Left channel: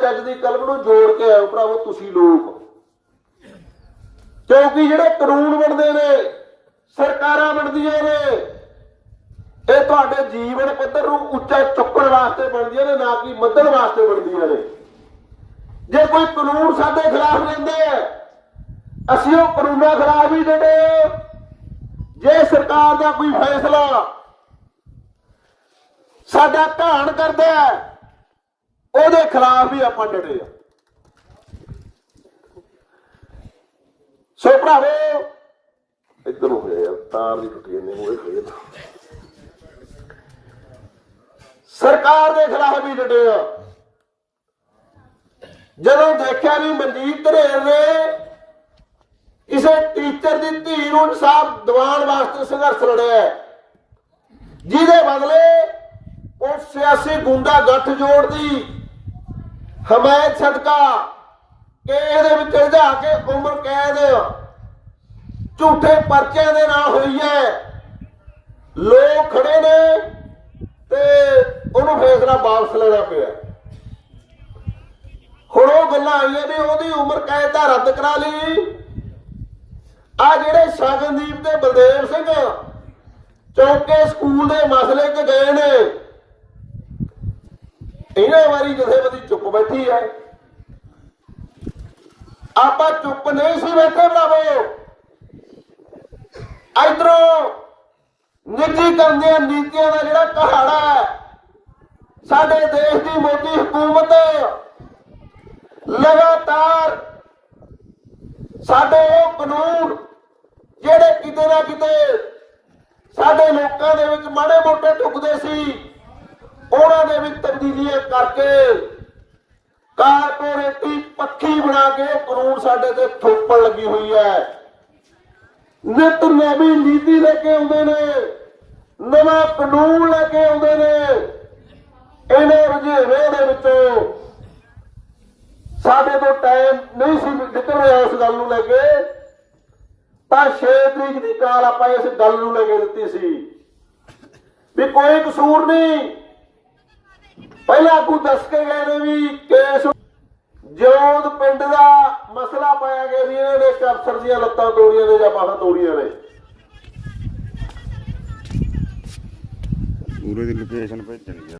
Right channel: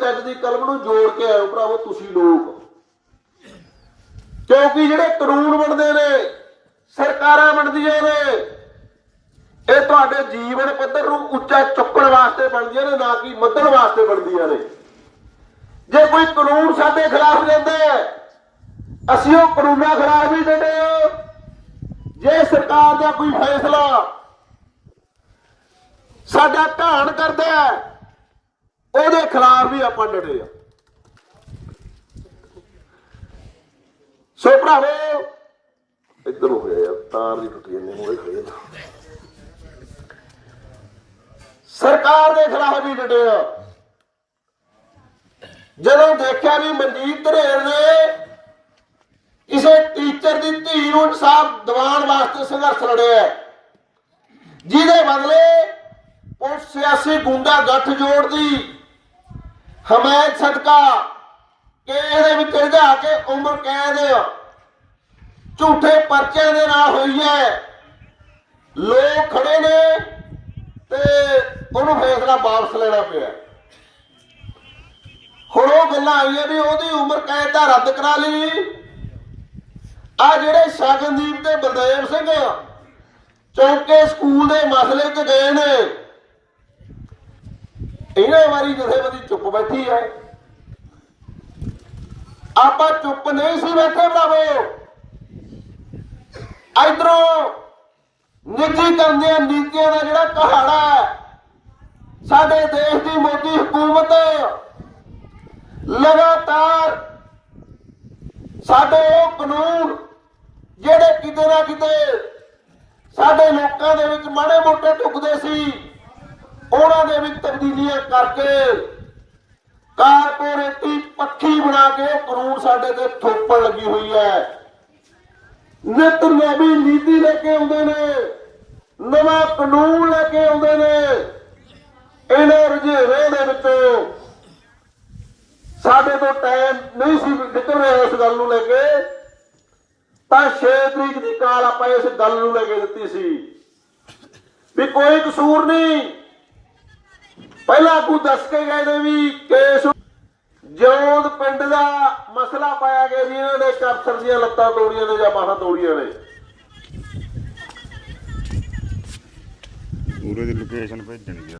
ਜੱਜ ਦੀ ਕਲਮ ਨੂੰ ਜੋੜ ਕੇ ਆਇਓ ਭਰਾਵੋ ਤੁਸੀਂ ਲੋਕ। ਕਿਉਂਕਿ ਜਿਹੜੇ ਕਾਨੂੰਨ ਬਣਦੇ ਨੇ ਸਰਕਾਰਾਂ ਬਣਦੀਆਂ ਨੇ ਇਹ ਤੁਹਾਡੇ ਜੀਵਨ ਪੱਧਰ ਨੂੰ ਉੱਚਾ ਚੁੱਕਣ ਵਾਸਤੇ ਬਣਦੀਆਂ ਨੇ ਨਾ ਕਿ ਮੱਧਣ ਵਾਸਤੇ ਬਣਦੀਆਂ ਨੇ। ਜੇ ਕੋਈ ਕਾਨੂੰਨ ਸਾਡੇ ਖਿਲਾਫ ਜਾਂਦਾ ਅਸੀਂ ਉਹ ਕਾਨੂੰਨਾਂ ਖਿਲਾਫ ਹੀ। ਜਿਹੜੇ ਜੇ ਸਰਕਾਰ ਦਾ ਕੋਈ ਫੈਸਲਾ ਸਾਡਾ ਘਾਣ ਕਰਦਾ ਹੈ, ਉਹਦੇ ਖਿਲਾਫ ਵੀ ਆਪਾਂ ਡਟੇ ਆ। ਸੋ ਭਰਾਵੋ, ਇੱਧਰ ਹੋ ਗਿਆ ਤਾਰ ਦੀ ਟੁੱਟੀ ਜਾਂਦੀ ਨੂੰ ਖੜੇ ਸਰਕਾਰ ਦੇ ਖਿਲਾਫ ਵੀ ਡਟੇ ਆ। ਜਦੋਂ ਦੇਖਿਆ ਵੀ ਮਨਜੀਤ ਧਰੇਰ ਨੇ ਕਿਸੇ ਟੀਚਰ ਦੀ ਧੀ ਨੂੰ ਇਨਸਾਫ ਦਿਵਾਉਣ ਵਾਸਤੇ ਸੰਘਰਸ਼ ਲੜਿਆ ਜਿਹਦੇ ਬਦਲੇ ਉਹ ਸਿਆਸੀ ਗੁੰਡਾ ਗੱਠ ਜੋੜਦੀ ਹਮਾਇਤ ਸਦਕਾ ਕਿ ਇਹਦੇ ਵਿੱਚ ਰਝਾ ਕੇ ਉਮਰ ਕੈਦ ਝੂਠੇ ਪਰਚਿਆਂ ਦੇ ਨਾਲ ਹੋਈ ਹੈ। ਲੋਕ ਖੜੇ ਨੇ ਤੇ ਉਹਨੂੰ ਫੈਸਲਾ ਵਾਪਸ ਲੈਣਾ ਪਿਆ। ਹੁਣ ਉਹ ਗੱਲਾਂ ਆਈਆਂ ਵੀ ਉਹਦੀ ਉਮਰ ਕੈਦ ਦਾ ਰੱਦ ਕਰਾ ਲਈ। ਆ ਜਿਹੜੇ ਸ਼ਗਨਦੀਪ ਤੇ ਬਲਦੇਵ ਸਿੰਘ ਚੌਕੇ ਸਕੂਲ ਦੇ ਮਸਲੇ 'ਚ ਗਏ ਨੇ ਇਹਨਾਂ ਵਾਰੀ ਜਥੇਬੰਦੀ ਚੁੱਪ ਬੈਠੀ ਹੈ। ਆਪਾਂ ਚੁੱਪ ਨਹੀਂ ਸੀ ਬੈਠੇ ਭਰਾਵੋ। ਇਧਰੋਂ ਨਿੱਜੀਕਰਨ ਦੀਆਂ ਨੀਤੀਆਂ ਦਾ ਜਿਹੜਾ ਕਹਾੜਾ ਹੈ, ਸਾਡੇ ਦੇਸ਼ ਦੀ ਮੋਦੀ ਹਕੂਮਤ ਲਗਾਤਾਰ ਸਾਡੇ ਉਹ ਕਾਨੂੰਨ ਜਿਹੜੇ ਕਿਤੇ ਨਾ ਕਿਤੇ ਸਾਡੇ ਲੋਕਾਂ ਦੇ ਵਿੱਚ ਮਾੜੇ ਮੋਟੇ ਢੁਕਦੇ ਸੀ। ਦੇ ਵਿੱਚ ਤਬਦੀਲੀਆਂ ਕਰਕੇ ਕਾਰਪੋਰੇਟੀ ਪੱਖੀ ਬਣਾ ਕੇ ਕਾਨੂੰਨ ਸਾਡੇ ਤੇ ਥੋਪਣ ਲੱਗੀ ਹੋਈ ਹੈ। ਨਿਤ ਨਵੀਂ ਨੀਤੀ ਲੈ ਕੇ ਆਉਂਦੇ ਨੇ, ਨਵਾਂ ਕਾਨੂੰਨ ਲੈ ਕੇ ਆਉਂਦੇ ਨੇ। ਇਹਨਾਂ ਰੁਝੇਵੇਂ ਦੇ ਵਿੱਚੋਂ ਸਾਡੇ ਤੋਂ ਟਾਈਮ ਨਹੀਂ ਸੀ ਨਿਕਲ ਰਿਹਾ ਇਸ ਗੱਲ ਨੂੰ ਲੈ ਕੇ। ਤਾਂ 6 ਤਰੀਕ ਦੀ ਕਾਲ ਆਪਾਂ ਇਸ ਗੱਲ ਨੂੰ ਲੈ ਕੇ ਦਿੱਤੀ ਸੀ ਵੀ ਕੋਈ ਕਸੂਰ ਨਹੀਂ। ਪਹਿਲਾਂ ਆਗੂ ਦੱਸ ਕੇ ਗਏ ਨੇ ਵੀ ਕੇਸ ਜੋਦ ਪਿੰਡ ਦਾ ਮਸਲਾ ਪਾਇਆ ਗਿਆ ਵੀ ਇਹਨਾਂ ਦੇ ਕਫਸਰ ਦੀਆਂ ਲੱਤਾਂ ਤੋੜੀਆਂ ਨੇ ਜਾਂ ਬਾਹਾਂ ਤੋੜੀਆਂ ਨੇ। ਪੂਰੇ ਦੀ ਲੋਕੇਸ਼ਨ ਭੇਜਣੀ